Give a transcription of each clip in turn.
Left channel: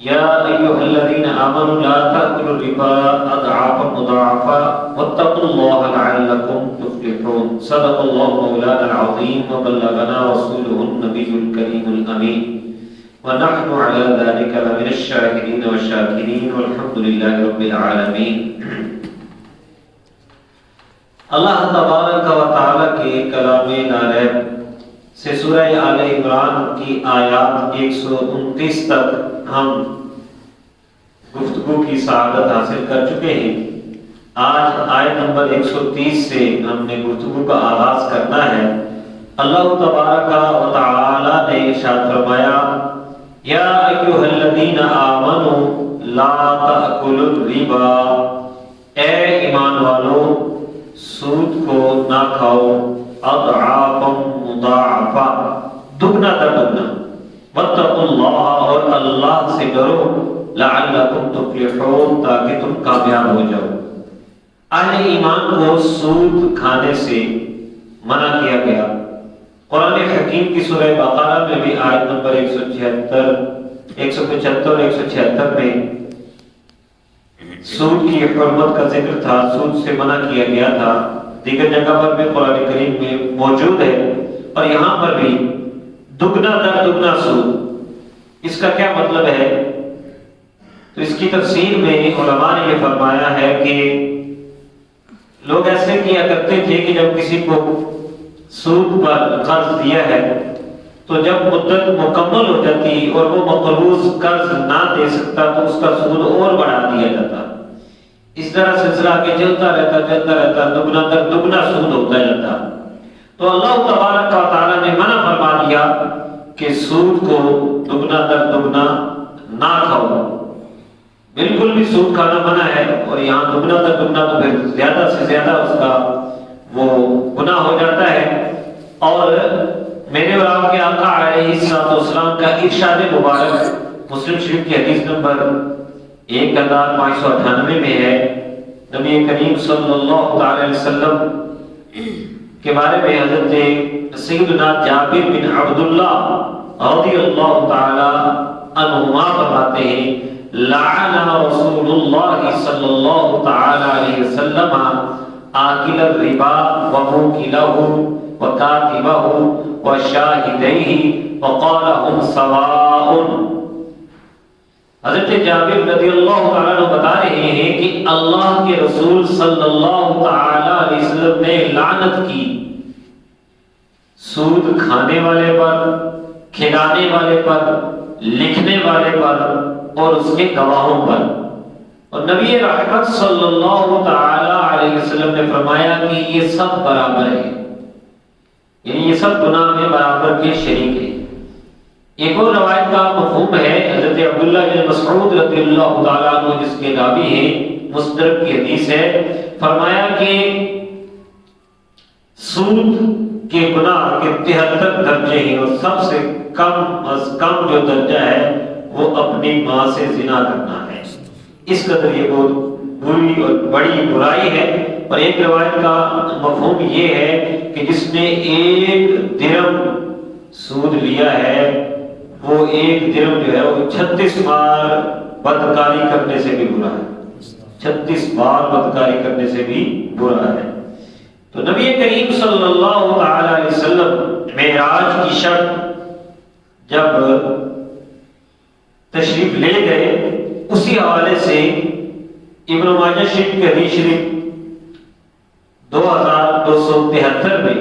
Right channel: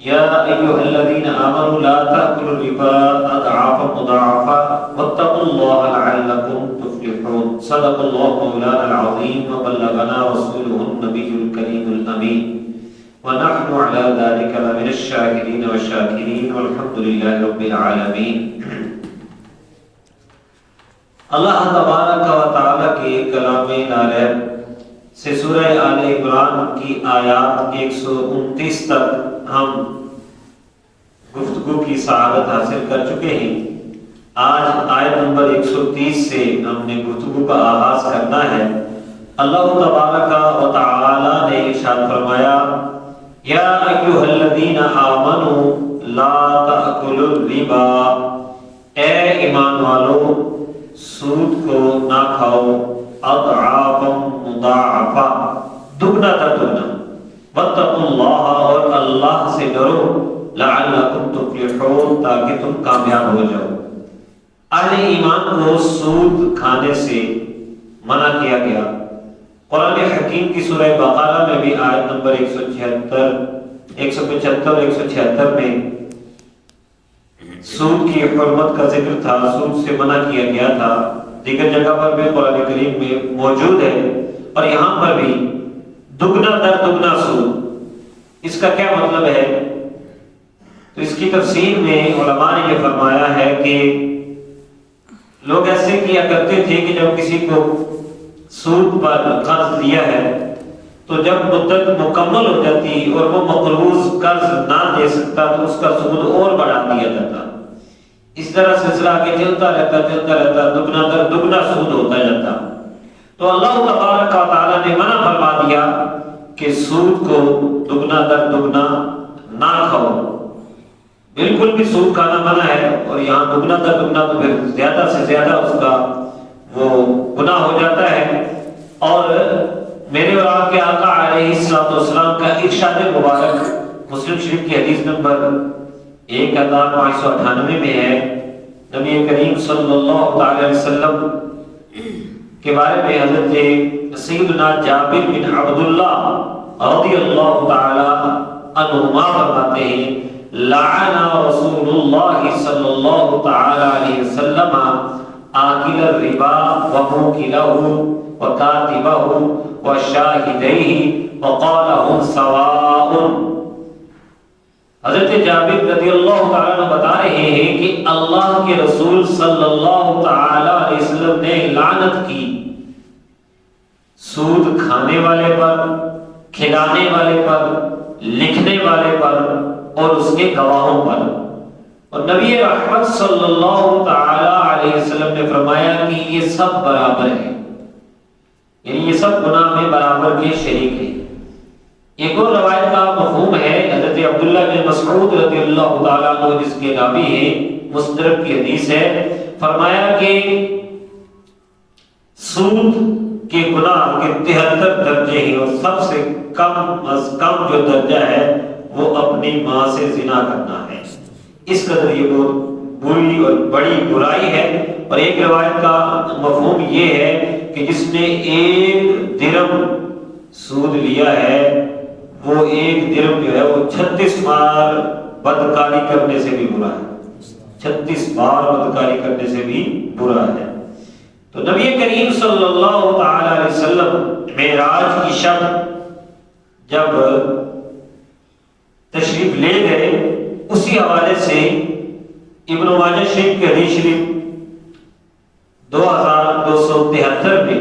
یا ایھا الذین آمنوا لا تأکلوا الربا اضعافا مضاعفا واتقوا اللہ لعلکم تفلحون صدق اللہ مولانا العظیم وبلغنا رسوله النبی الکریم الامین ونحن على ذلك لمن الشاهدين والشاكرين والحمد لله رب العالمين۔ اللہ تبارک و تعالی کے کلام نارب سے سورہ آل عمران کی آیات 129 تک ہم گفتگو کی سعادت حاصل کر چکے ہیں۔ آج آیت نمبر 130 سے ہم نے گفتگو کا آغاز کرنا ہے۔ اللہ تبارک و تعالی نے ارشاد فرمایا یا ایھا الذین آمنوا لا تأکلوا الربا، اے ایمان والو سود کو نہ کھاؤ، اضعافا مضاعفا، دگنا در دگنا، واتقوا اللہ، اور اللہ سے ڈرو، لعلکم تفلحون، تاکہ تم کامیاب ہو جاؤ۔ اہل ایمان کو سود کھانے سے منع کیا گیا۔ قرآن حکیم کی سورہ بقرہ میں بھی آیت نمبر 175 اور 176 میں سود کی حرمت کا ذکر تھا، سود سے منع کیا گیا تھا۔ دیگر جگہ پر بھی قرآن کریم میں موجود ہے، اور یہاں پر بھی دگنا در دگنا سود، اس کا کیا مطلب ہے؟ تو اس کی تفسیر میں علماء نے یہ فرمایا ہے کہ لوگ ایسے کیا کرتے تھے کہ جب کسی کو سود پر قرض دیا ہے تو جب مدت مکمل ہو جاتی اور وہ مقروض قرض نہ دے سکتا تو اس کا سود اور بڑھا دیا جاتا۔ اس طرح سلسلہ کے چلتا رہتا، دگنا در دگنا سود ہوتا جاتا۔ تو اللہ تبارک و تعالی نے منع فرما دیا کہ سود کو دگنا در دگنا نہ کھاؤ، بالکل بھی سود کھانا منع ہے، اور یہاں دگنا در دگنا تو پھر زیادہ سے زیادہ اس کا وہ گناہ ہو جاتا ہے۔ اور میرے اور آپ کے آقا علیہ السلام کا ارشاد مبارک مسلم شریف کی حدیث نمبر 1598 میں ہے، نبی کریم صلی اللہ علیہ وسلم کے بارے میں حضرت سیدنا جابر بن عبداللہ رضی اللہ تعالی عنہما فرماتے ہیں لعن رسول اللہ صلی اللہ تعالی علیہ وسلم آکل الربا وموکلہ وکاتبہ وشاہدیہ وقال ہم سواء۔ حضرت جابر رضی اللہ تعالیٰ عنہ بتا رہے ہیں کہ اللہ کے رسول صلی اللہ تعالیٰ علیہ وسلم نے لعنت کی سود کھانے والے پر، کھلانے والے پر، لکھنے والے پر اور اس کے گواہوں پر۔ اور نبی رحمت صلی اللہ تعالیٰ علیہ وسلم نے فرمایا کہ یہ سب برابر ہیں، یعنی یہ سب گناہ میں برابر کے شریک ہیں۔ ایک اور روایت کا مفہوم ہے، حضرت عبداللہ بن مسعود رضی اللہ تعالیٰ عنہ جس کے راوی ہیں، مستدرک کی حدیث ہے، فرمایا کہ سود کے گناہ کے 73 درجے ہیں، اور سب سے کم از کم جو درجہ ہے وہ اپنی ماں سے زنا کرنا ہے۔ اس قدر یہ بہت بری اور بڑی برائی ہے۔ اور ایک روایت کا مفہوم یہ ہے کہ جس نے 1 درہم سود لیا ہے وہ 1 درہم جو ہے وہ 36 بار بدکاری کرنے سے بھی برا ہے، 36 بار بدکاری کرنے سے بھی برا ہے۔ تو نبی کریم صلی اللہ تعالی علیہ وسلم معراج کی شب جب تشریف لے گئے، اسی حوالے سے ابن ماجہ شریف کے حدیث شریف 2273 میں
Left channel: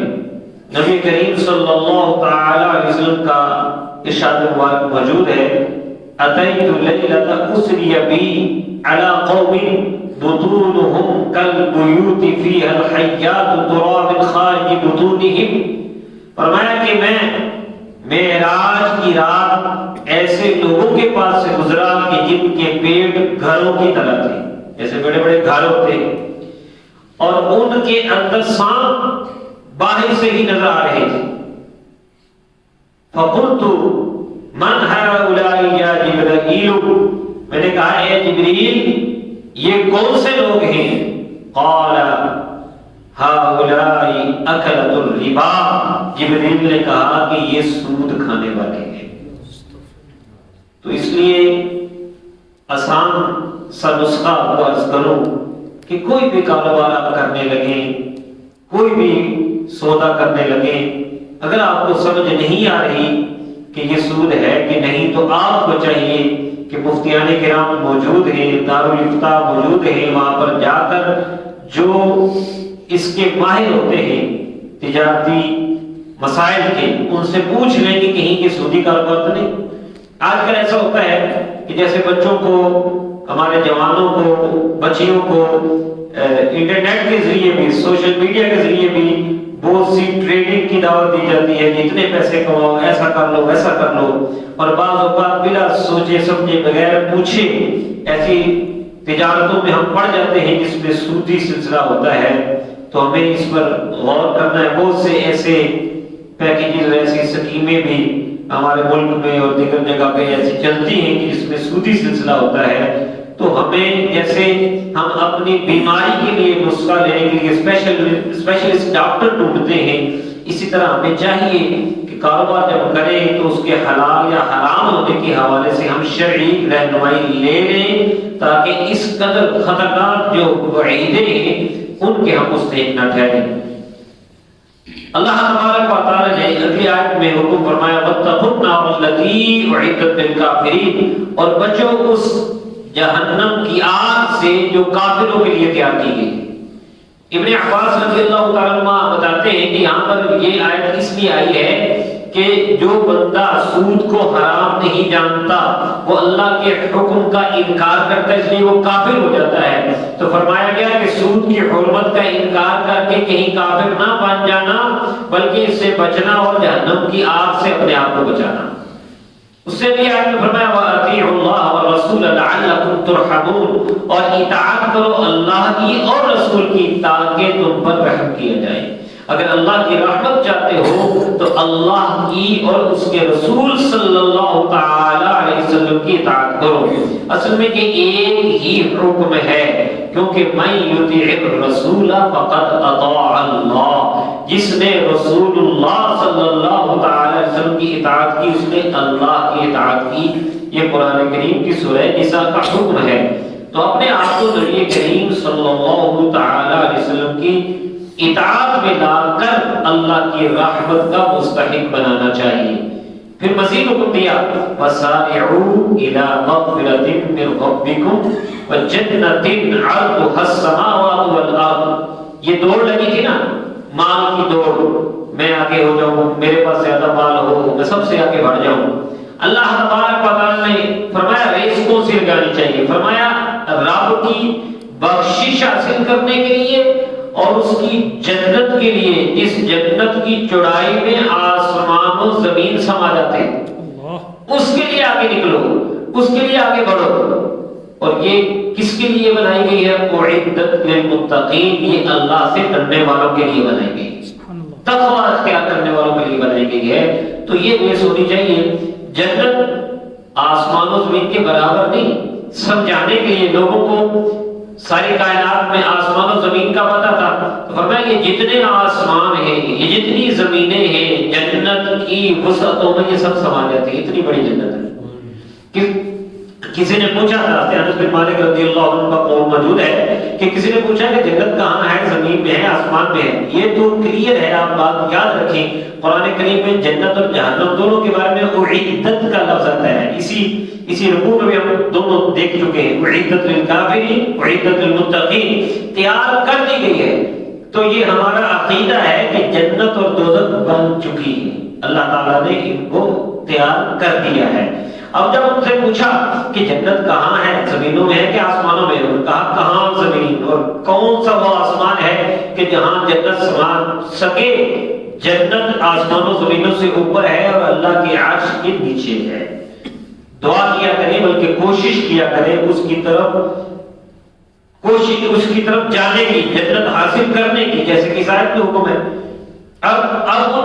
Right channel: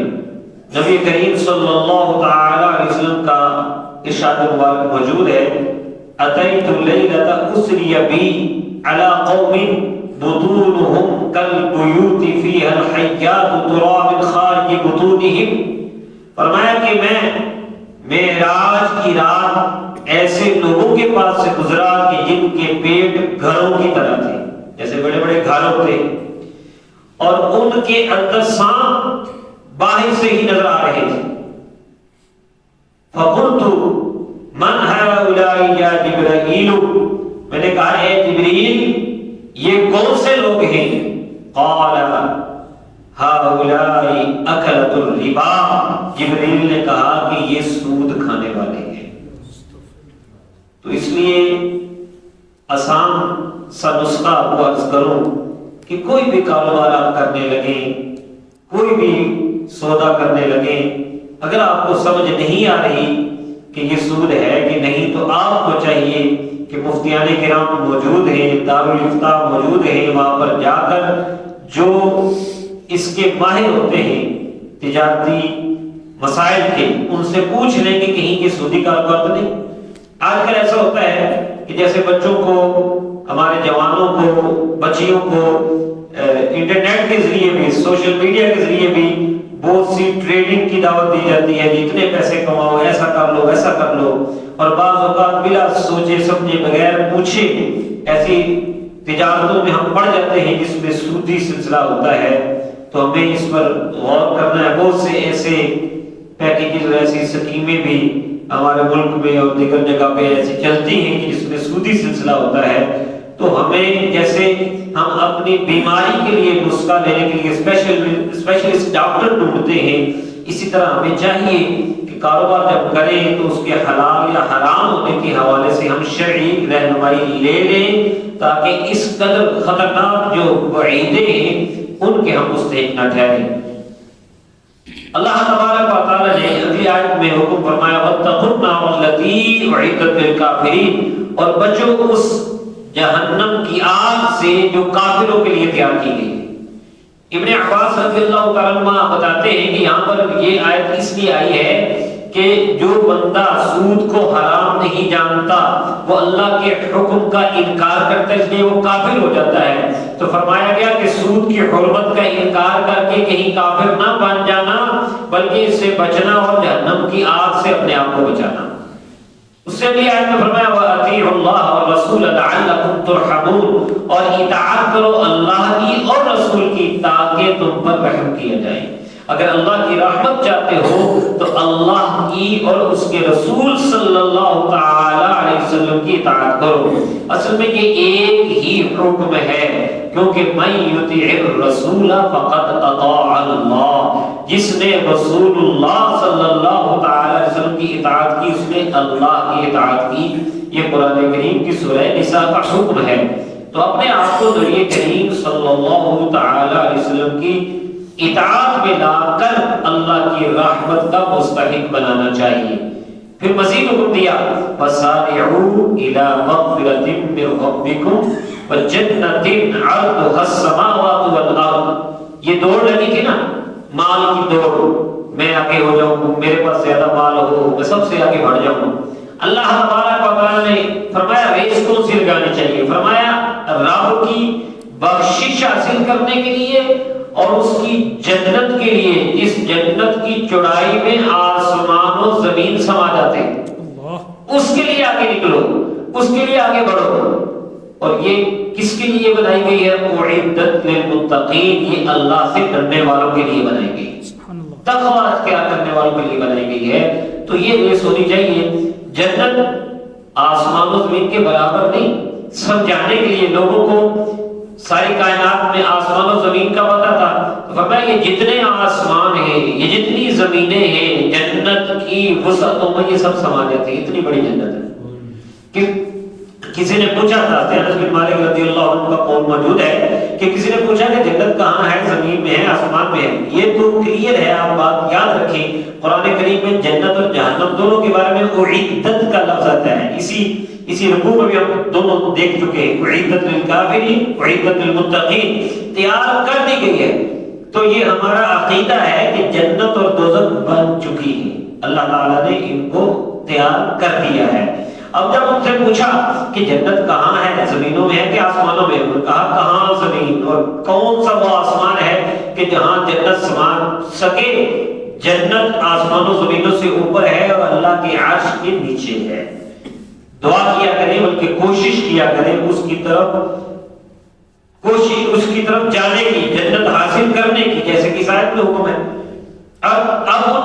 نبی کریم صلی اللہ تعالی علیہ وسلم کا ارشاد مبارک موجود ہے، اتیت لیلۃ اسری بی علی قوم بطونهم کالبیوت فیہا الحیات ترا من خارج بطونہم۔ فرمایا کہ میں معراج کی رات ایسے لوگوں کے پاس سے گزرا کہ جن کے پیٹ گھروں کی طرح تھے، جیسے بڑے بڑے گھر ہوتے، اور ان کے اندر سانپ باہر سے ہی نظر آ رہے تھے۔ فقلت من هؤلاء یا جبرائیل، میں نے کہا اے جبریل یہ کون سے لوگ ہیں؟ قال هؤلاء اکلۃ الربا، جبریل نے کہا کہ یہ سود کھانے والے ہیں۔ تو اس لیے آسان سا نسخہ کو عرض کروں کہ کوئی بھی کاروبار آپ کرنے لگیں، کوئی بھی سودا کرنے لگیں، اگر آپ کو سمجھ نہیں آ رہی کہ یہ سود ہے کہ نہیں، تو آپ کو چاہیے کہ مفتیان کرام موجود ہیں، دارالافتاء موجود ہیں، وہاں پر جا کر جو اس کے ماہر ہوتے ہیں تجارتی مسائل کے، ان سے پوچھ لیں کہ کہیں یہ سودی کاروبار تو نہیں۔ آج کل ایسا ہوتا ہے کہ جیسے بچوں کو، ہمارے جوانوں کو، بچیوں کو انٹرنیٹ کے ذریعے بھی، سوشل میڈیا کے ذریعے بھی بہت سی ٹریڈنگ کی دعوت دی جاتی ہے کہ اتنے پیسے کماؤ، ایسا کر لو، ایسا کر لو، اور بعض اوقات بلا سوچے سمجھے بغیر پوچھے ایسی تجارتوں میں ہم پڑ جاتے ہیں جس میں سودی سلسلہ ہوتا ہے۔ تو ہمیں اس پر غور کرنا ہے۔ بہت سے ایسے پیکیجز، ایسی اسکیمیں بھی ہمارے ملک میں اور دیگر جگہ پہ ایسی چلتی ہیں کہ جس میں سودی سلسلہ ہوتا ہے۔ تو ہمیں جیسے ہم اپنی بیماری کے لیے نسخہ لینے کے لیے اسپیشلسٹ ڈاکٹر ڈھونڈتے ہیں، اسی طرح ہمیں چاہیے کہ کاروبار جب کریں تو اس کے حلال یا حرام ہونے کے حوالے سے ہم شرعی رہنمائی لے لیں، تاکہ اس قدر خطرناک جو وعیدیں ہیں ان کے ہم مستحق نہ ٹھہریں۔ اللہ تبارک و تعالی نے اگلی آیت میں حکم فرمایا وَاتَّقُوا النَّارَ الَّتِي أُعِدَّتْ لِلْكَافِرِينَ، اور بچو اس جہنم کی آگ سے جو کافروں کے لیے تیار کی گئی۔ ابن عباس رضی اللہ تعالیٰ عنہ بتاتے ہیں کہ یہاں پر یہ آیت اس لیے آئی ہے کہ جو بندہ سود کو حرام نہیں جانتا، وہ اللہ کے حکم کا انکار کرتا ہے، اس لیے وہ کافر ہو جاتا ہے۔ تو فرمایا گیا کہ سود کی حرمت کا انکار کر کے کہیں کافر نہ بن جانا، بلکہ اس سے بچنا اور جہنم کی آگ سے اپنے آپ کو بچانا۔ اس سے بھی آیت میں فرمایا وَأَطِيعُوا اللَّهَ وَالرَّسُولَ لَعَلَّكُمْ تُرْحَمُونَ، اور اطاعت کرو اللہ کی اور رسول کی تاکہ تم پر رحم کیا جائے۔ اگر اللہ کی رحمت چاہتے ہو تو اللہ کی اور اس کے رسول صلی اللہ تعالی علیہ وسلم کی اطاعت کرو۔ اصل میں یہ ایک ہی حکم ہے، کیونکہ مَن يُطِعِ الرَّسُولَ فَقَدْ أَطَاعَ اللَّهَ، جس نے رسول اللہ صلی اللہ تعالی علیہ وسلم کی اطاعت کی اس نے اللہ کی اطاعت کی۔ یہ قرآن کریم کی سورہ نساء کا حکم ہے۔ تو اپنے آپ کو نبی کریم صلی اللہ تعالی علیہ وسلم کی اطاعت میں لا کر اللہ کی رحمت کا مستحق بنانا چاہیے۔ پھر مزید حکم دیا وَسَارِعُوا إِلَىٰ مَغْفِرَةٍ مِّن رَّبِّكُمْ وَجَنَّةٍ عَرْضُهَا السَّمَاوَاتُ وَالْأَرْضُ۔ یہ دوڑ لگی تھی نا، مال کی دوڑ، میں آگے ہو جاؤں، میرے پاس زیادہ مال ہو، میں سب سے آگے بڑھ جاؤں۔ اللہ تبارک و تعالیٰ نے فرمایا ریس کون سی لگانی چاہیے؟ فرمایا رب کی بخشش حاصل کرنے کے لیے اور اس کی جنت کے لیے۔ اس جنت کی چوڑائی میں آسمان و زمین سما جاتے ہیں، اس کے لیے آگے نکلو، اس کے لیے آگے بڑھو۔ اور یہ کس کے لیے بنائی گئی ہے؟ اعدت للمتقین، یہ اللہ سے ڈرنے والوں کے لیے بنائی گئی، تقوی اختیار کرنے والوں کے لیے بنائی گئی ہے۔ تو یہ ریس ہونی چاہیے۔ جنت آسمان و زمین کے برابر نہیں، سمجھانے کے لیے لوگوں کو ساری کائنات میں آسمان و زمین کا پتہ تھا، تو فرمایا یہ جتنے آسمان ہیں، یہ جتنی زمینیں ہیں، جنت کی وسعتوں میں یہ سب سما جاتی ہے، اتنی بڑی جنت ہے۔ کسی نے پوچھا تھا، انس بن مالک رضی اللہ عنہ کا قول موجود ہے کہ کسی نے پوچھا کہ جنت کہاں ہے، زمین میں ہے آسمان میں ہے؟ یہ تو کلیئر ہے، آپ بات یاد رکھیں، قرآن کریم میں جنت اور جہنم دونوں کے بارے میں اعدت کا لفظ آتا ہے۔ اسی رکوع میں بھی ہم دونوں دیکھ چکے ہیں، اعدت للکافرین اعدت للمتقین، تیار کر دی گئی ہے۔ تو یہ ہمارا عقیدہ ہے کہ جنت اور دوزخ بن چکی ہے، اللہ تعالیٰ نے ان کو تیار کر دیا ہے۔ اب جب ان سے پوچھا کہ جنت کہاں ہے، زمینوں میں ہے کہ آسمانوں میں؟ انہوں نے کہا کہاں زمین، اور کون سا وہ آسمان ہے کہ جہاں جنت سما سکے؟ جنت آسمانوں زمینوں سے اوپر ہے اور اللہ کی عرش کے نیچے ہے۔ دعا کیا کریں، بلکہ کوشش کیا کریں اس کی طرف جانے کی، جنت حاصل کرنے کی، جیسے کہ اس آیت میں حکم ہے۔ اب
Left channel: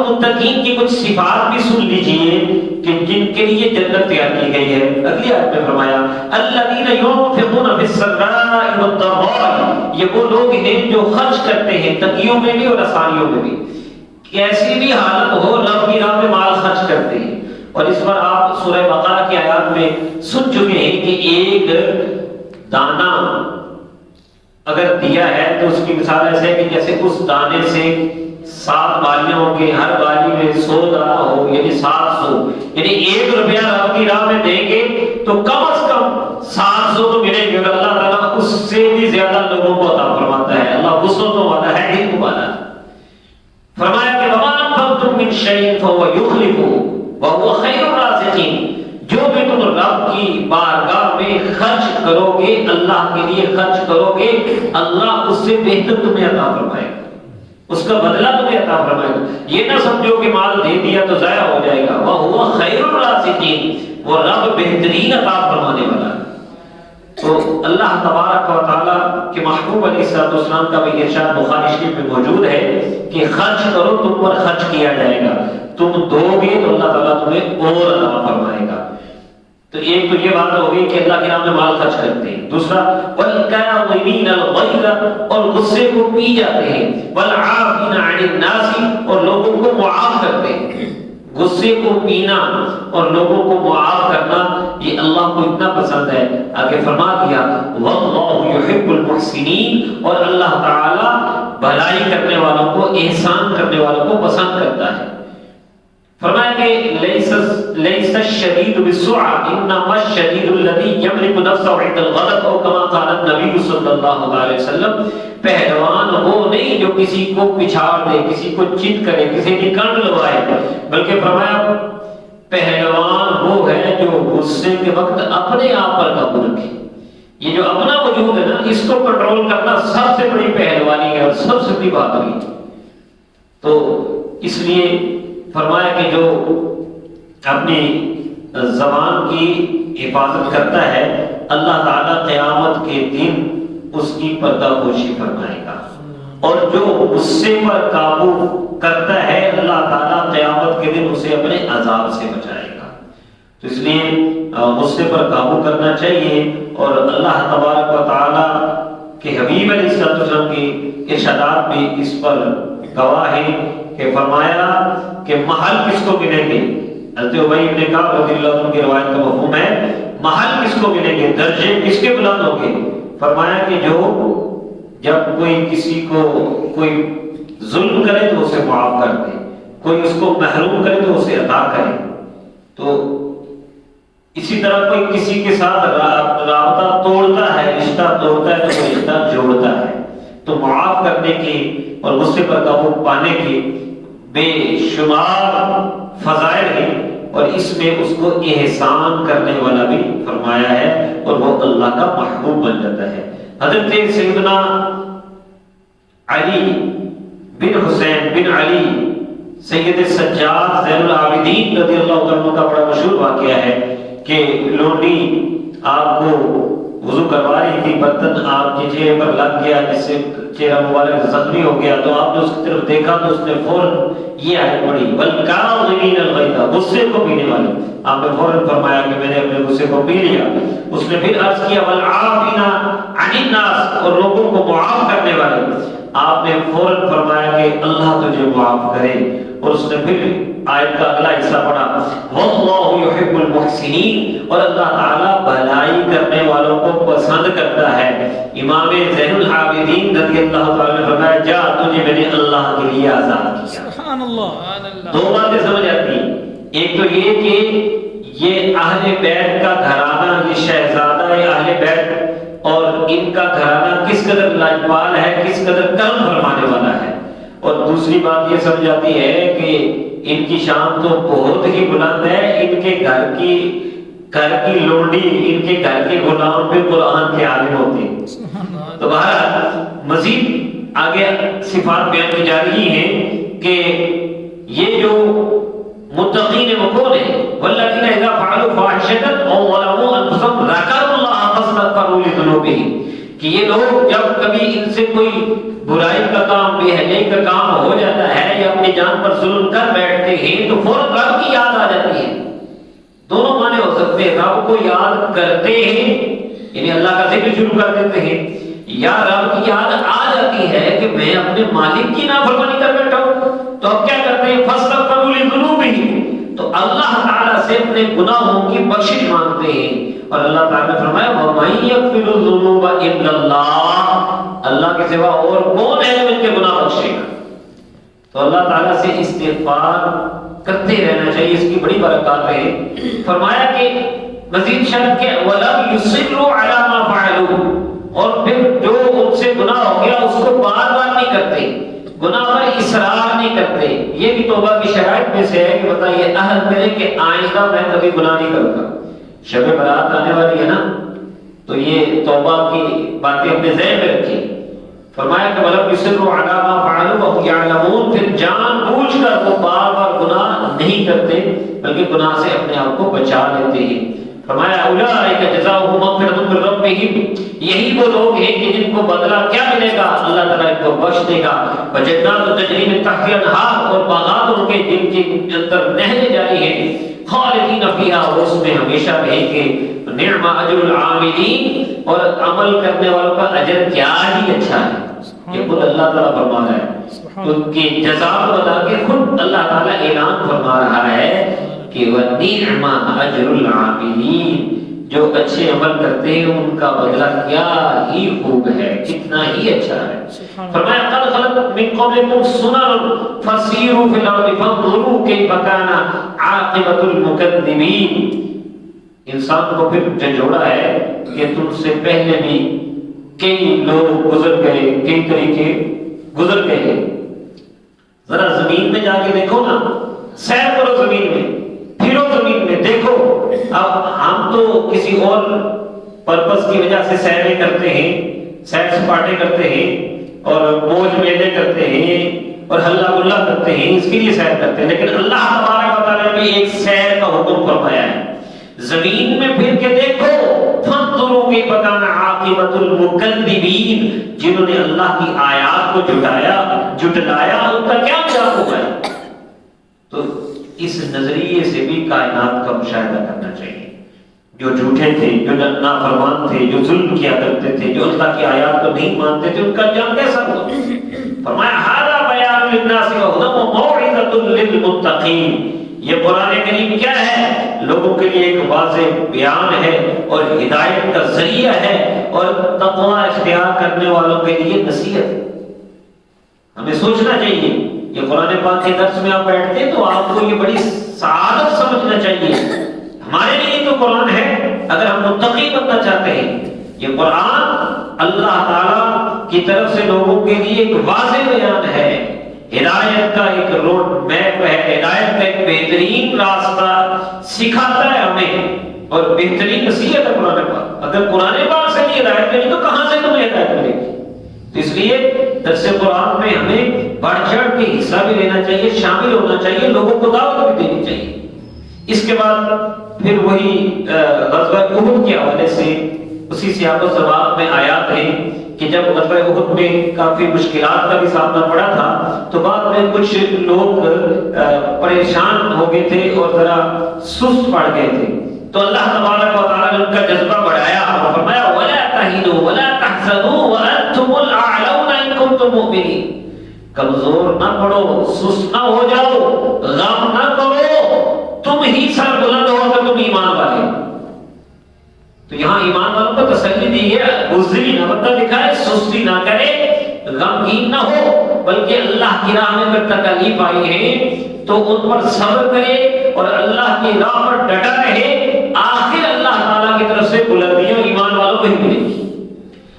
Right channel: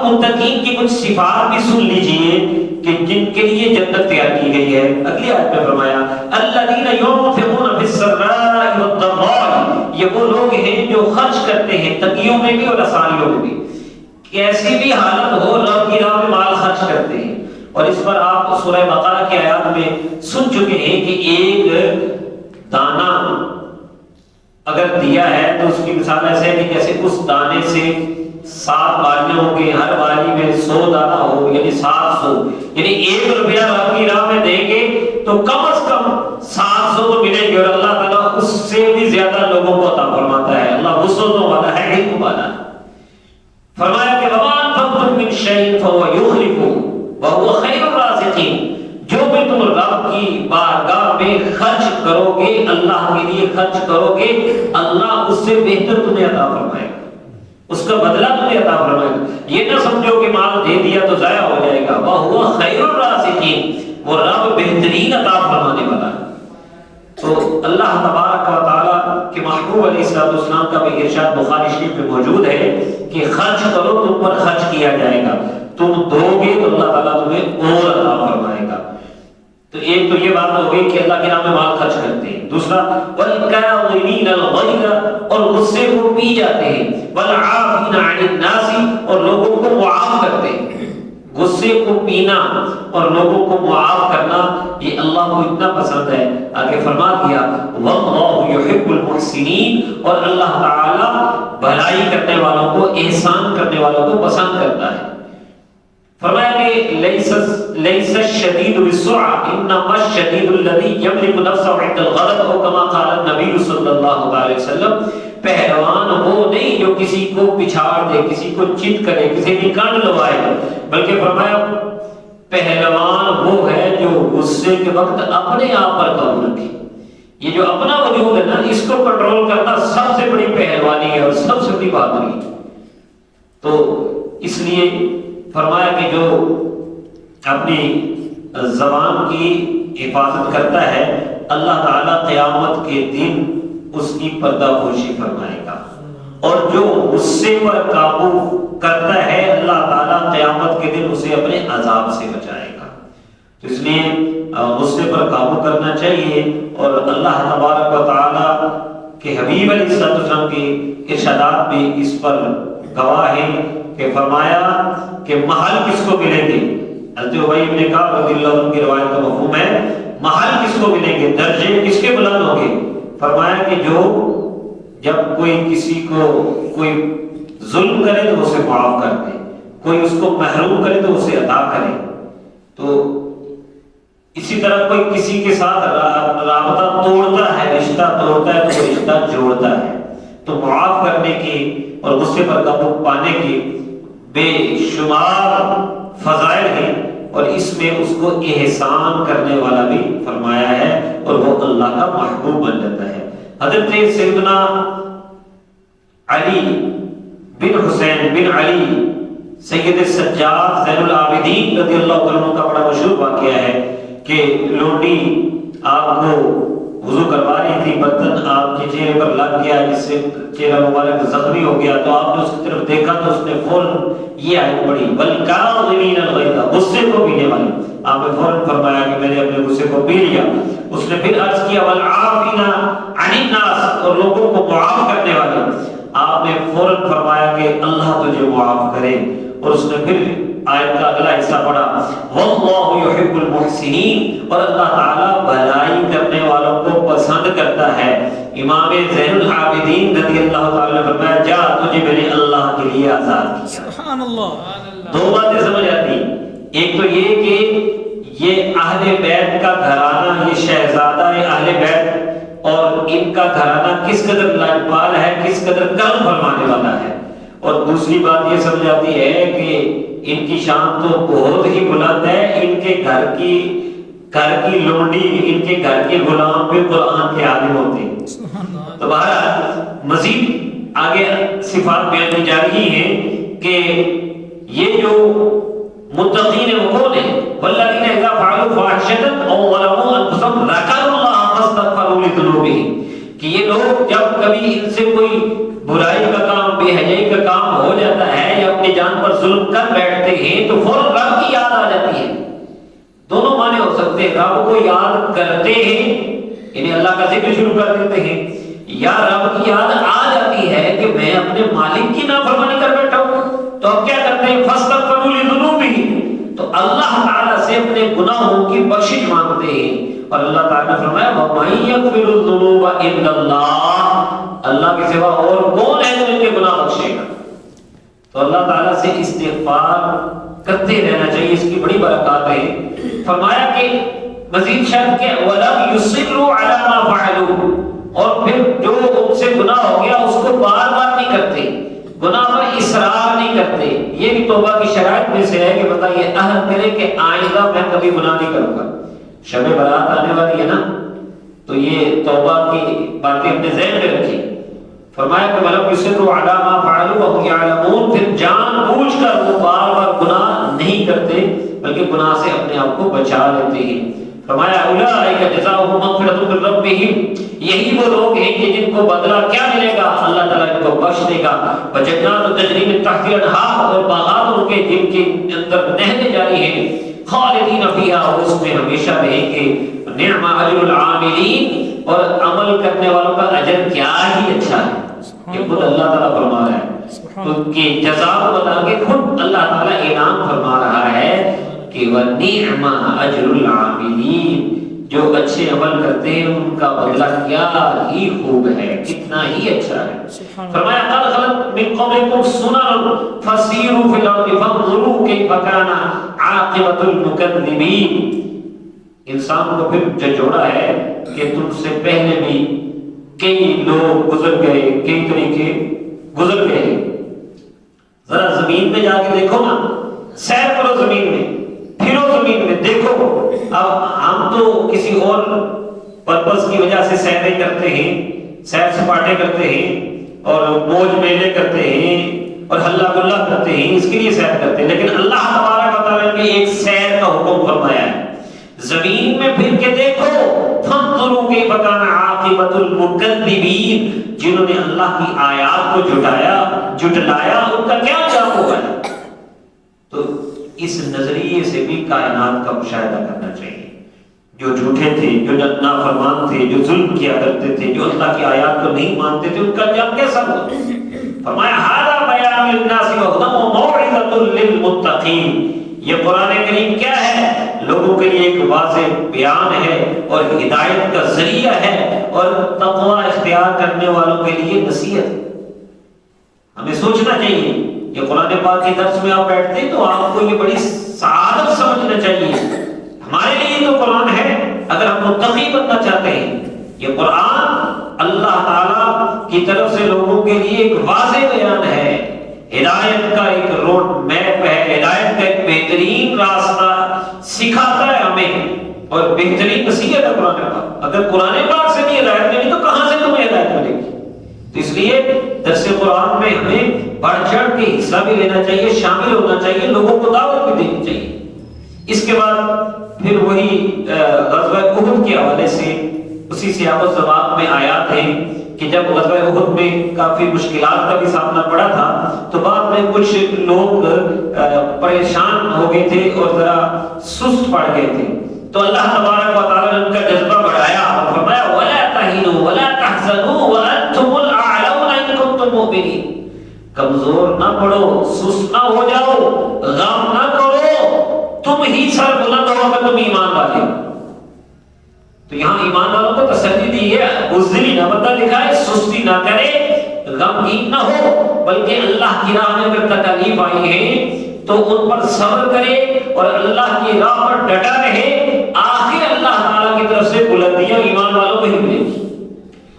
متقین کی کچھ صفات بھی سن لیجئے کہ جن کے لیے جنت تیار کی گئی ہے۔ اگلی آیت میں فرمایا الذین ينفقون فی السراء والضراء، یہ وہ لوگ ہیں جو خرچ کرتے ہیں تنگیوں میں بھی اور آسانیوں میں بھی، ایسی بھی حالت ہو رب کی راہ میں مال خرچ کرتے ہیں۔ اور اس پر آپ سورہ بقرہ کی آیات میں سن چکے ہیں کہ ایک دانا اگر دیا ہے تو اس کی مثال ایسے ہے کہ جیسے اس دانے سے 7 بالیاں ہوں گے، ہر بالی میں 100 دانا ہو، یعنی 700، یعنی 1 روپیہ رب کی راہ میں دیں گے تو کم از کم 700 تو ملیں گے، اور اللہ تعالیٰ اس سے بھی زیادہ لوگوں کو عطا فرماتا ہے۔ اللہ وسعتوں والا ہے، علم والا ہے۔ فرمایا کہ وَمَا أَنفَقْتُم مِّن شَيْءٍ فَهُوَ يُخْلِفُهُ وَهُوَ خَيْرُ الرَّازِقِينَ۔ جو بھی تم رب کی بارگاہ میں خرچ کرو گے، اللہ کے لیے خرچ کرو گے، اللہ اس سے بہتر تمہیں عطا فرمائے گا، اس کا بدلہ تمہیں عطا فرمائے گا۔ یہ نہ سمجھو کہ مال دے دیا تو ضائع ہو جائے گا، وَهُوَ خَيْرُ الرَّازِقِينَ، وہ رب بہترین عطا فرمانے والا ہے۔ تو اللہ تبارک و تعالیٰ کے محبوب علیہ السلام کا بھی ارشاد بخاری شریف میں موجود ہے کہ خرچ کرو، تم پر خرچ کیا جائے گا، تم دو گے تو اللہ تعالیٰ تمہیں اور عطا فرمائے گا۔ تو ایک تو یہ بات ہو گئی کہ اللہ کے نام میں مال خرچ کرتے ہیں، دوسرا وَالْكَاظِمِينَ الْغَيْظَ، اور غصے کو پی جاتے ہیں، وَالْعَافِينَ عَنِ النَّاسِ، اور لوگوں کو معاف کرتے ہیں۔ غصے کو پینا اور لوگوں کو معاف کرنا یہ اللہ کو اتنا پسند ہے، آگے فرما دیا وَاللَّهُ يُحِبُّ الْمُحْسِنِينَ، اور اللہ تعالیٰ بھلائی کرنے والوں کو، احسان کرنے والوں کو پسند کرتا ہے۔ فرمایا کہ لیس الشدید بالسرعة انما الشدید الذی یملک نفسه عند الغضب، او کما قال النبی صلی اللہ علیہ وسلم، پہلوان وہ نہیں جو کسی کو پچھاڑ دے، کسی کو چت کرے، کسی کی کان لوائے، بلکہ فرمایا پہلوان وہ ہے جو غصے کے وقت اپنے آپ پر قابو رکھے۔ یہ جو اپنا وجود ہے نا، اس کو کنٹرول کرنا سب سے بڑی پہلوانی ہے اور سب سے بڑی بہادری ہے۔ تو اس لیے فرمایا کہ جو اپنی زبان کی حفاظت کرتا ہے، اللہ تعالیٰ قیامت کے دن اس کی پردہ پوشی فرمائے گا، اور جو غصے پر قابو کرتا ہے اللہ تعالیٰ قیامت کے دن اسے اپنے عذاب سے بچائے گا۔ تو اس لیے غصے پر قابو کرنا چاہیے، اور اللہ تبارک و تعالیٰ کے حبیب علیہ السلام کی ارشادات بھی اس پر گواہ ہے کہ فرمایا کہ محل کس کو ملیں گے۔ حضرت ابی بن کعب رضی اللہ عنہ کی روایت کا مفہوم ہے محل کس کو ملیں گے، درجے کس کے بلند ہوں گے۔ فرمایا کہ جو جب کوئی کسی کو کوئی ظلم کرے تو اسے معاف کر دے، کوئی اس کو محروم کرے تو اسے عطا کرے، تو اسی طرح کوئی کسی کے ساتھ رابطہ توڑتا ہے، رشتہ توڑتا ہے تو وہ رشتہ جوڑتا ہے۔ تو معاف کرنے کی اور غصے پر قابو پانے کی بے شمار فضائل ہیں، اور اس میں اس کو احسان کرنے والا بھی فرمایا ہے، اور وہ اللہ کا محبوب بن جاتا ہے۔ حضرت سیدنا علی بن حسین بن علی سید السجاد زین العابدین رضی اللہ عنہ کا بڑا مشہور واقعہ ہے کہ لونڈی آپ کو وضو کروا رہی تھی، برتن آپ کے چہرے پر لگ گیا جس سے چہرہ مبارک زخمی ہو گیا، تو آپ نے اس کی طرف دیکھا تو اس نے فوراً یہ آیت پڑھی وَالْكَاظِمِينَ الْغَيْظَ، غصے کو پینے والے۔ آپ نے فوراً فرمایا کہ میں نے اپنے غصے کو پی لیا۔ اس نے پھر عرض کیا وَالْعَافِينَ عَنِ النَّاسِ، اور لوگوں کو معاف کرنے والے۔ آپ نے فوراً فرمایا کہ اللہ تجھے معاف کرے، اور اس نے پھر آیت کا اگلا حصہ پڑھا وَاللَّهُ يُحِبُّ الْمُحْسِنِينَ، اور اللہ تعالیٰ بھلائی کرنے والوں کو پسند کرتا ہے۔ امام زین العابدین رضی اللہ تعالیٰ نے فرمایا جا تجھے میں نے اللہ کے لیے آزاد کیا۔ سبحان اللہ۔ دو باتیں سمجھ آتی، ایک تو یہ کہ یہ اہل بیت کا گھرانہ، یہ شہزادہ اہل بیت اور ان کا گھرانہ کس قدر لاجوال ہے، کس قدر کرم فرمانے والا ہے، اور دوسری بات یہ سمجھ آتی ہے کہ ان کی شان تو بہت ہی بلند ہے، ان کے گھر کی لونڈی، ان کے گھر کے غلام بھی قرآن کے عالم ہوتے ہیں۔ تو بہرحال مزید آگے صفات بیان کی جا رہی ہیں کہ یہ جو متقین وہ کون ہیں، والذین اذا فعلوا فاحشۃ او ظلموا انفسهم ذکروا اللہ فاستغفروا لذنوبهم، کہ یہ لوگ جب کبھی ان سے کوئی برائی کا کام، بے حیائی کا کام ہو جاتا ہے یا اپنی جان پر ظلم کر بیٹھتے ہیں تو فوراً رب کی یاد آ جاتی ہے۔ دونوں معنی ہو سکتے ہیں، رب کو یاد کرتے ہیں یعنی اللہ کا ذکر شروع کر دیتے ہیں، یا رب کی یاد آ جاتی ہے کہ میں اپنے مالک کی نافرمانی کر بیٹھا ہوں، تو اب کیا کرتے ہیں فاستغفروا لذنوبہم، تو اللہ تعالیٰ سے اپنے گناہوں کی بخشش مانگتے ہیں، اور اللہ تعالیٰ نے فرمایا وَمَن يَغْفِرُ الذُّنُوبَ إِلَّا اللَّهُ، اللہ کے سوا اور کون ہے جو ان کے گناہ بخشے گا؟ تو اللہ تعالیٰ سے استغفار کرتے رہنا چاہیے، اس کی بڑی برکات ہے۔ فرمایا کہ مزید شرط کہ وَلَمْ يُصِرُّوا عَلَى مَا فَعَلُوا، اور پھر جو ان سے گناہ ہو گیا اس کو بار بار نہیں کرتے، گناہ پر اصرار نہیں کرتے۔ یہ بھی توبہ کی شرائط میں سے ہے کہ بتا یہ عہد کرے کہ آئندہ میں کبھی گناہ نہیں کروں گا۔ شب برات آنے والی ہے نا، تو یہ توبہ کی باتیں اپنے ذہن میں رکھی۔ فرمایا کہ وَلَمْ يُصِرُّوا عَلَى مَا فَعَلُوا وَهُمْ يَعْلَمُونَ، پھر جان بوجھ کر وہ بار بار گناہ نہیں کرتے بلکہ گناہ سے اپنے آپ کو بچا لیتے ہیں۔ فرمایا اولئک جزاؤہم مغفرۃ من ربہم، یہی وہ لوگ ہیں کہ جن کو بدلہ کیا ملے گا؟ اللہ تعالیٰ ان کو بخش دے گا۔ وجنات تجری من تحتہا الانہار، اور باغات ان کے جن کے اندر نہریں جاری ہیں، خالدین فیہا، اس میں ہمیشہ رہیں گے۔ نعم اجر العاملین، اور عمل کرنے والوں کا اجر کیا ہی اچھا ہے، یہ خود اللہ تعالیٰ فرما رہا ہے۔ تو ان کی جزا کو بتا کے خود اللہ تعالیٰ اعلان فرما رہا ہے کہ وَنِعْمَ أَجْرُ الْعَامِلِينَ، جو اچھے عمل کرتے ہیں ان کا بدلہ کیا ہی خوب ہے، کتنا ہی اچھا ہے۔ فرمایا قَدْ خَلَتْ مِن قَبْلِكُمْ سُنَنٌ فَسِيرُوا فِي الْأَرْضِ فَانظُرُوا كَيْفَ كَانَ عَاقِبَةُ الْمُكَذِّبِينَ۔ انسان کو پھر جھنجھوڑا ہے کہ تم سے پہلے بھی کئی لوگ گزر گئے، کئی طریقے گزر گئے۔ ذرا زمین میں جا کے دیکھو نا، سیر کرو زمین میں، پھرو زمین میں، دیکھو۔ اب ہم تو کسی اور پرپس کی وجہ سے سیریں کرتے ہیں، سیر سپاٹے کرتے ہیں اور موج میلے کرتے ہیں اور ہلا گلا کرتے ہیں، اس کے لیے سیر کرتے ہیں، لیکن اللہ تبارک و تعالیٰ نے ایک سیر کا حکم فرمایا ہے۔ زمین میں پھر کے دیکھو، فانظروا کیف کان عاقبۃ المکذبین، جنہوں نے اللہ کی آیات کو جھٹلایا ان کا کیا انجام ہوا ہے۔ تو اس نظریے سے بھی کائنات کا مشاہدہ کرنا چاہیے۔ جو جھوٹے تھے، جو نافرمان تھے، جو ظلم کیا کرتے تھے، جو اللہ کی آیات کو نہیں مانتے تھے، ان کا انجام کیسا ہوا؟ فرمایا ھذا بیان للناس وہدی وموعظۃ للمتقین، یہ قرآن کریم کیا ہے؟ لوگوں کے لیے ایک واضح بیان ہے اور ہدایت کا ذریعہ ہے اور تقوی اختیار کرنے والوں کے لیے نصیحت۔ ہمیں سوچنا چاہیے، یہ قرآن پاک کے درس میں آپ بیٹھتے ہیں تو آپ کو یہ بڑی سعادت سمجھنا چاہیے۔ ہمارے لیے تو قرآن ہے، اگر ہم متقی بننا چاہتے ہیں، یہ قرآن اللہ تعالیٰ کی طرف سے لوگوں کے لیے ایک واضح بیان ہے، ہدایت کا ایک روڈ میپ ہے، ہدایت کا ایک بہترین راستہ سکھاتا ہے ہمیں، اور بہترین نصیحت ہے قرآن پاک۔ اگر قرآن پاک سے نہیں ہدایت ملی تو کہاں سے تمہیں ہدایت ملے گی؟ تو اس لیے درس قرآن میں ہمیں بڑھ چڑھ کے حصہ بھی لینا چاہیے، شامل ہونا چاہیے، لوگوں کو دعوت بھی دینی چاہیے۔ اس کے بعد پھر وہی غزوہ احد کے حوالے سے اسی سیاق و سباق میں آیات ہے کہ جب غزوہ احد میں کافی مشکلات کا بھی سامنا پڑا تھا تو بعد میں کچھ لوگ پریشان ہو گئے تھے اور ذرا سست پڑ گئے تھے، تو اللہ تبارک و تعالیٰ نے ان کا جذبہ بڑھایا اور فرمایا وَلَا تَهِنُوا وَلَا تَحْزَنُوا وَأَنْتُمُ الْأَعْلَوْنَ إِن كُنتُم مُؤْمِنِينَ، کمزور نہ پڑو، سست نہ ہو جاؤ، غم نہ کرو، تم ہی سر بلند ہو اگر تم ایمان والے۔ تو یہاں ایمان والوں کو تسلی دی ہے، بزدلی نہ بندہ دکھائے، سستی نہ کرے، غمگین نہ ہو، بلکہ اللہ کی راہ میں اگر تکلیف آئی ہے تو ان پر صبر کرے اور اللہ کی راہ پر ڈٹا رہے، آخر اللہ تعالیٰ کی طرف سے بلندیاں ایمان والوں کو ہی ملے گی۔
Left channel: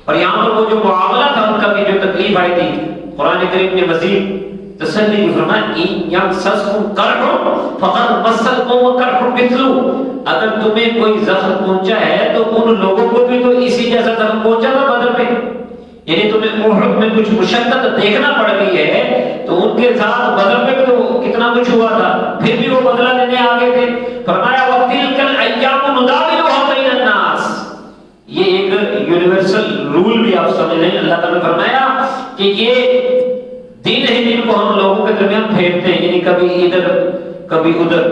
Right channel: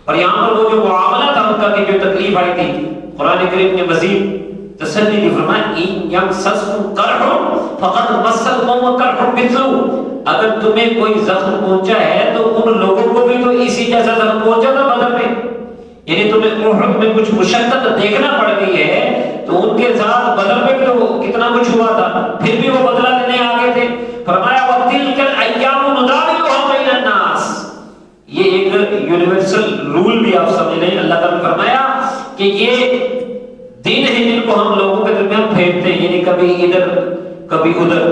اور یہاں پر وہ جو معاملہ تھا ان کا کہ جو تکلیف آئی تھی، قرآن کریم نے مزید تسلی دی، فرمایا ان یمسسکم قرح فقد مس القوم قرح مثلہ، اگر تمہیں کوئی زخم پہنچا ہے تو ان لوگوں کو بھی تو اسی جیسا زخم پہنچا تھا بدر میں، یعنی تمہیں احد میں کچھ مشقت دیکھنا پڑ گئی ہے تو ان کے ساتھ بدر میں بھی تو کتنا کچھ ہوا تھا، پھر بھی وہ بدلہ لینے آگے تھے۔ فرمایا وَتِلْكَ الْأَيَّامُ نُدَاوِلُهَا بَيْنَ النَّاسِ، یہ ایک یونیورسل رول بھی آپ سمجھ لیں۔ اللہ تعالیٰ نے فرمایا کہ یہ دن ہے جن کو ہم لوگوں کے درمیان پھیرتے ہیں، یعنی کبھی ادھر کبھی ادھر،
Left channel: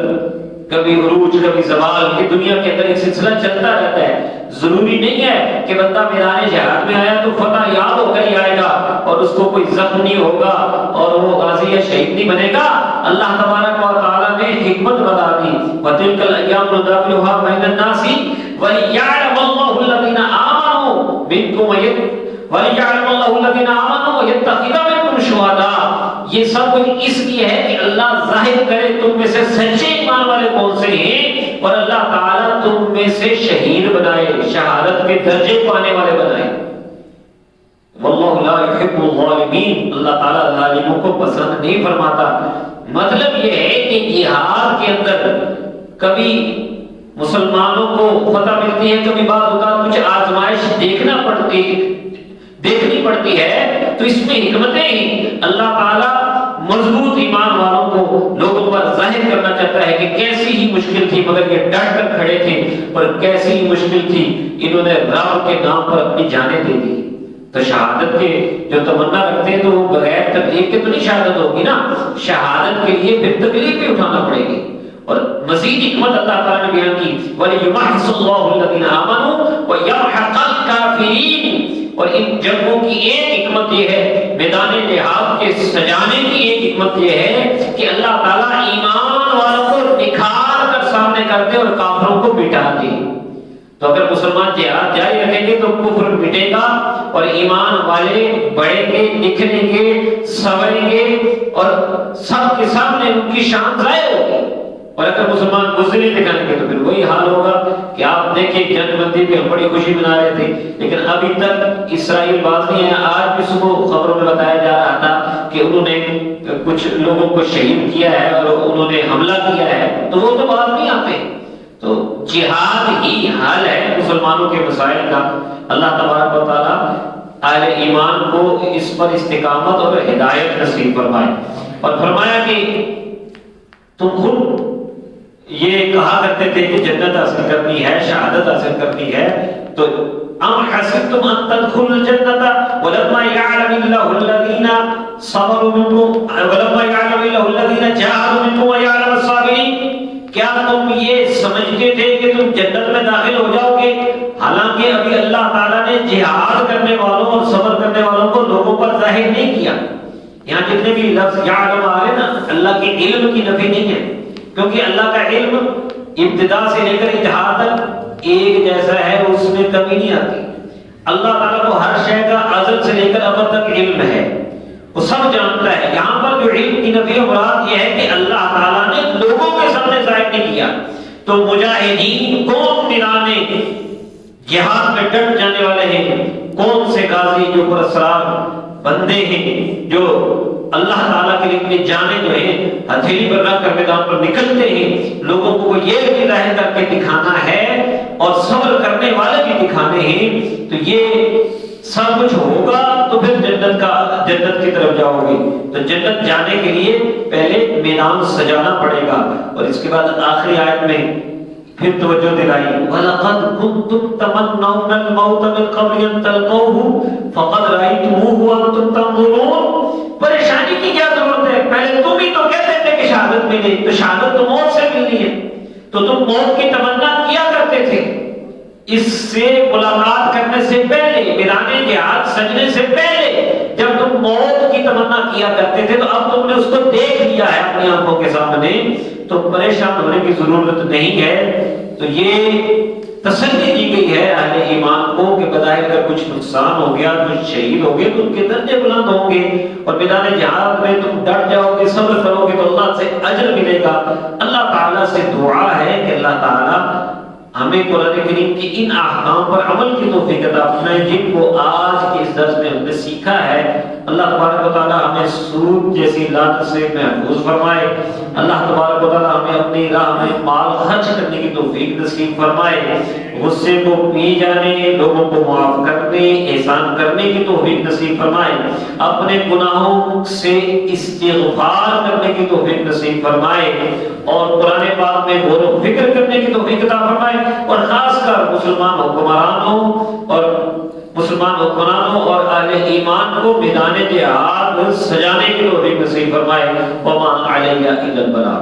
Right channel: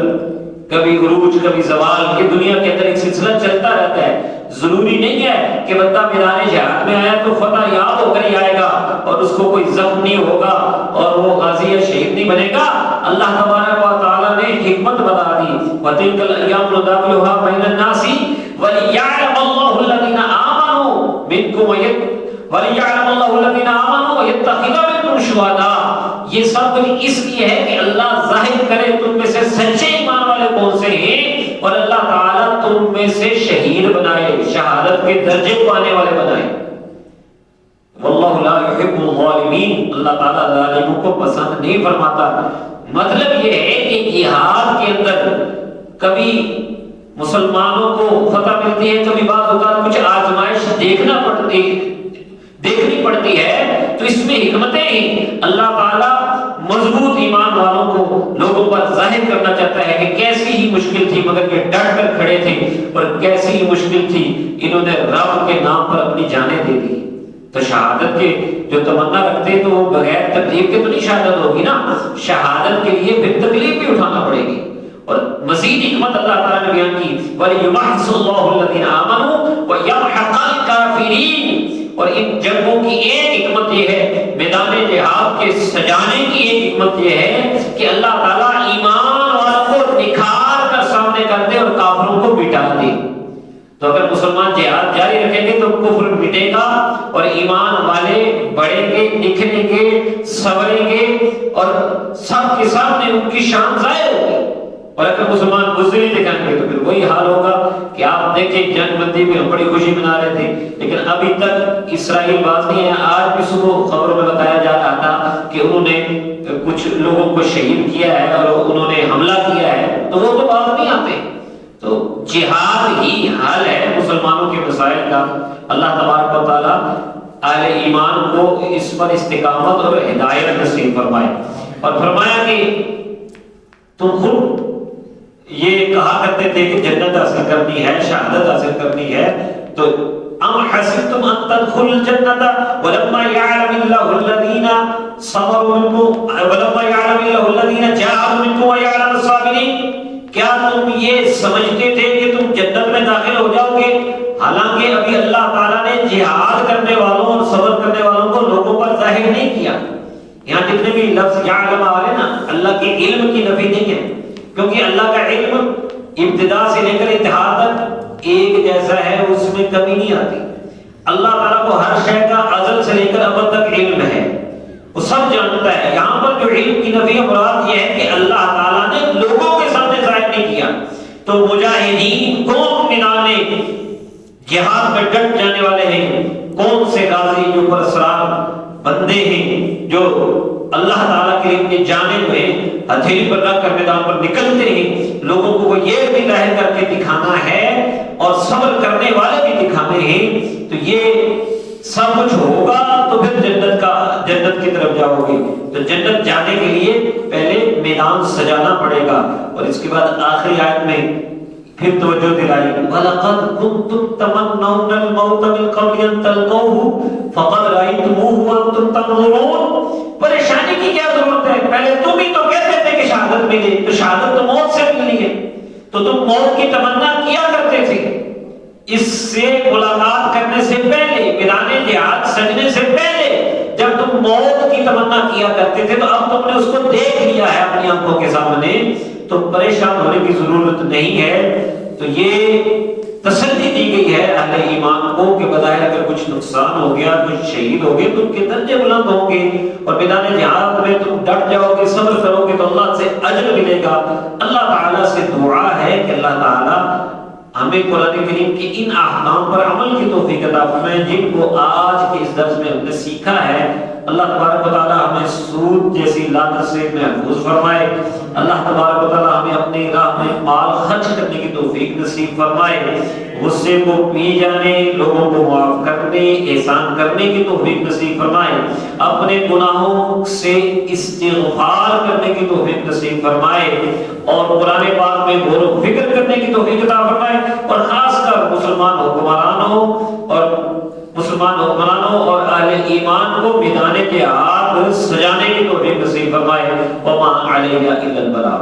کبھی عروج کبھی زوال، یہ دنیا کے اندر ایک سلسلہ چلتا رہتا ہے۔ ضروری نہیں ہے کہ بندہ میدان جہاد میں آیا تو فتح یاد ہو کر ہی آئے گا اور اس کو کوئی زخم نہیں ہوگا اور وہ غازی یا شہید نہیں بنے گا۔ اللہ تبارک و تعالیٰ نے حکمت بتا دی، وَتِلْكَ الْأَيَّامُ نُدَاوِلُهَا بَيْنَ النَّاسِ وَلِيَعْلَمَ اللَّهُ الَّذِينَ وَلِيَعْلَمَ اللَّهُ الَّذِينَ آمَنُوا وَيَتَّخِذَ مِنكُمْ شُهَدَاءَ، یہ سب کچھ اس لیے ہے کہ اللہ ظاہر کرے تم میں سے سچے ایمان والے کون سے ہیں، اور اللہ تعالیٰ تم میں سے شہید بنائے، شہادت کے درجے پانے والے بنائے۔ واللہ لا يحب الظالمین، اللہ تعالیٰ ظالموں کو پسند نہیں فرماتا۔ مطلب یہ ہے کہ جہاد کے اندر کبھی مسلمانوں کو فتح ملتی ہے، کبھی بعض اوقات کچھ آزمائش دیکھنی پڑتی ہے، تو اس میں حکمتیں ہی اللہ تعالیٰ مضبوط ایمان والوں کو لوگوں پر ظاہر کرنا چاہتا ہے کہ کیسی ہی مشکل تھی مگر یہ ڈٹ کر کھڑے تھے، اور کیسی ہی مشکل تھی انہوں نے رب کے نام پر اپنی جانیں دے دی۔ تو شہادت کے جو تمنا رکھتے ہیں تو وہ بغیر تکلیف کے تو نہیں شہادت ہوگی نا، شہادت کے لیے پھر تکلیف بھی اٹھانا پڑے گی۔ اور مزید حکمت اللہ تعالیٰ نے بیان کی وَلِيُمَحِّصَ اللَّهُ الَّذِينَ آمَنُوا وَيَمْحَقَ الْكَافِرِينَ، اور ان جنگوں کی ایک حکمت یہ ہے، میدان جہاد کے سجانے کی ایک حکمت یہ ہے کہ اللہ تعالیٰ ایمان والوں کو نکھار کر سامنے کر دے اور کافروں کو مٹا دے۔ تو اگر مسلمان جہاد جاری رکھیں گے تو کفر مٹے گا اور ایمان والے بڑھیں گے، نکھریں گے، سنوریں گے، اور سب کے سامنے ان کی شان ظاہر ہوگی۔ اور اگر مسلمان بزدلی دکھائیں گے تو پھر وہی حال ہوگا کہ آپ دیکھیں جنگ بندی پہ ہم بڑی خوشی منا رہے تھے، لیکن ابھی تک اسرائیل باز نہیں ہے۔ آج بھی صبح خبروں میں بتایا جا رہا تھا کہ انہوں نے کچھ لوگوں کو شہید کیا ہے اور انہوں نے حملہ کیا ہے، تو وہ تو باز نہیں آتے۔ تو جہاد ہی حل ہے مسلمانوں کے مسائل کا۔ اللہ تبارک و تعالیٰ اہل ایمان کو اس پر استقامت اور ہدایت نصیب فرمائے۔ اور فرمایا کہ تم خود یہ کہا کرتے تھے کہ جنت حاصل کرنی ہے، شہادت حاصل کرنی ہے، تو ام حسبتم ان تدخلوا الجنة ولما يعلم الله الذين صبروا منكم ولما يعلم الله الذين جاهدوا منكم ويعلم الصابرين، کیا تم یہ سمجھتے تھے کہ تم جنت میں داخل ہو جاؤ گے، حالانکہ ابھی اللہ تعالیٰ نے جہاد کرنے والوں اور صبر کرنے والوں کو لوگوں پر ظاہر نہیں کیا۔ یہاں جتنے بھی لفظ یعلم آ رہے نا، اللہ کے علم کی نفی نہیں ہے، کیونکہ اللہ کا علم ابتدا سے لے کر انتہا تک ایک جیسا ہے، اس میں کمی نہیں آتی۔ اللہ تعالیٰ کو ہر شے کا ازل سے لے کر ابد تک علم ہے، وہ سب جانتا ہے۔ یہاں پر جو علم کی نفی مراد یہ ہے کہ اللہ تعالیٰ نے لوگوں کے سامنے ظاہر نہیں کیا۔ تو مجاہدین کون میدان جہاد میں ڈٹ جانے والے ہیں، کون سے غازی جو پرسرار بندے ہیں جو اللہ تعالیٰ کے لیے اپنی جانیں جو ہیں ہتھیلی پر رکھ کر میدان پر نکلتے ہیں، لوگوں کو یہ بھی ظاہر کر کے دکھانا ہے اور صبر کرنے والے بھی دکھانے ہیں۔ تو یہ سب کچھ ہوگا تو پھر جنت کی طرف جاؤ گے۔ تو جنت جانے کے لیے پہلے میدان سجانا پڑے گا۔ اور اس کے بعد آخری آیت میں پھر توجہ دلائی وَلَقَدْ كُنْتُمْ تَمَنَّوْنَ الْمَوْتَ مِنْ قَبْلِ أَنْ تَلْقَوْهُ فَقَدْ رَأَيْتُمُوهُ وَأَنْتُمْ تَنظُرُونَ۔ پریشانی کی کیا ضرورت ہے، پہلے تم ہی تو کہتے تھے کہ شہادت ملی، تو شہادت تو موت سے ملی ہے، تو تم موت کی تمنا کیا کرتے تھے اس سے ملاقات کرنے سے پہلے، میدان جہاد سجنے سے پہلے جب تم موت کی تمنا کیا کرتے تھے، تو اب تم نے اس کو دیکھ لیا ہے اپنی آنکھوں کے سامنے، تو پریشان ہونے کی ضرورت نہیں ہے۔ تو یہ تسلی دی گئی ہے اہل ایمان کو کہ بظاہر اگر کچھ نقصان ہو گیا، کچھ شہید ہو گئے، تو ان کے درجے بلند ہوں گے، اور میدان جہاد میں تم ڈٹ جاؤ گے، صبر کرو گے تو اللہ سے اجر ملے گا۔ اللہ تعالیٰ سے دعا ہے کہ اللہ تعالیٰ ہمیں قرآن کریم کے ان احکام پر عمل کی توفیق عطا فرمائے جن کو آج کے اس درس میں ہم نے سیکھا ہے۔ اللہ تبارک و تعالیٰ ہمیں سود جیسی لعنت سے محفوظ فرمائے۔ اللہ تبارک و تعالیٰ ہمیں اپنی راہ میں مال خرچ کرنے کی توفیق نصیب فرمائے، غصے کو پی جانے، لوگوں کو معاف کرنے، احسان کرنے کی توفیق نصیب فرمائے، اپنے گناہوں سے استغفار کرنے کی توفیق نصیب فرمائے، اور قرآن پاک میں غور و فکر کرنے کی توفیق عطا فرمائے، اور خاص کر مسلمان حکمرانوں اور اہل ایمان کو میدان جہاد سجانے کی توفیق نصیب فرمائے۔ وما علینا الا البلاغ۔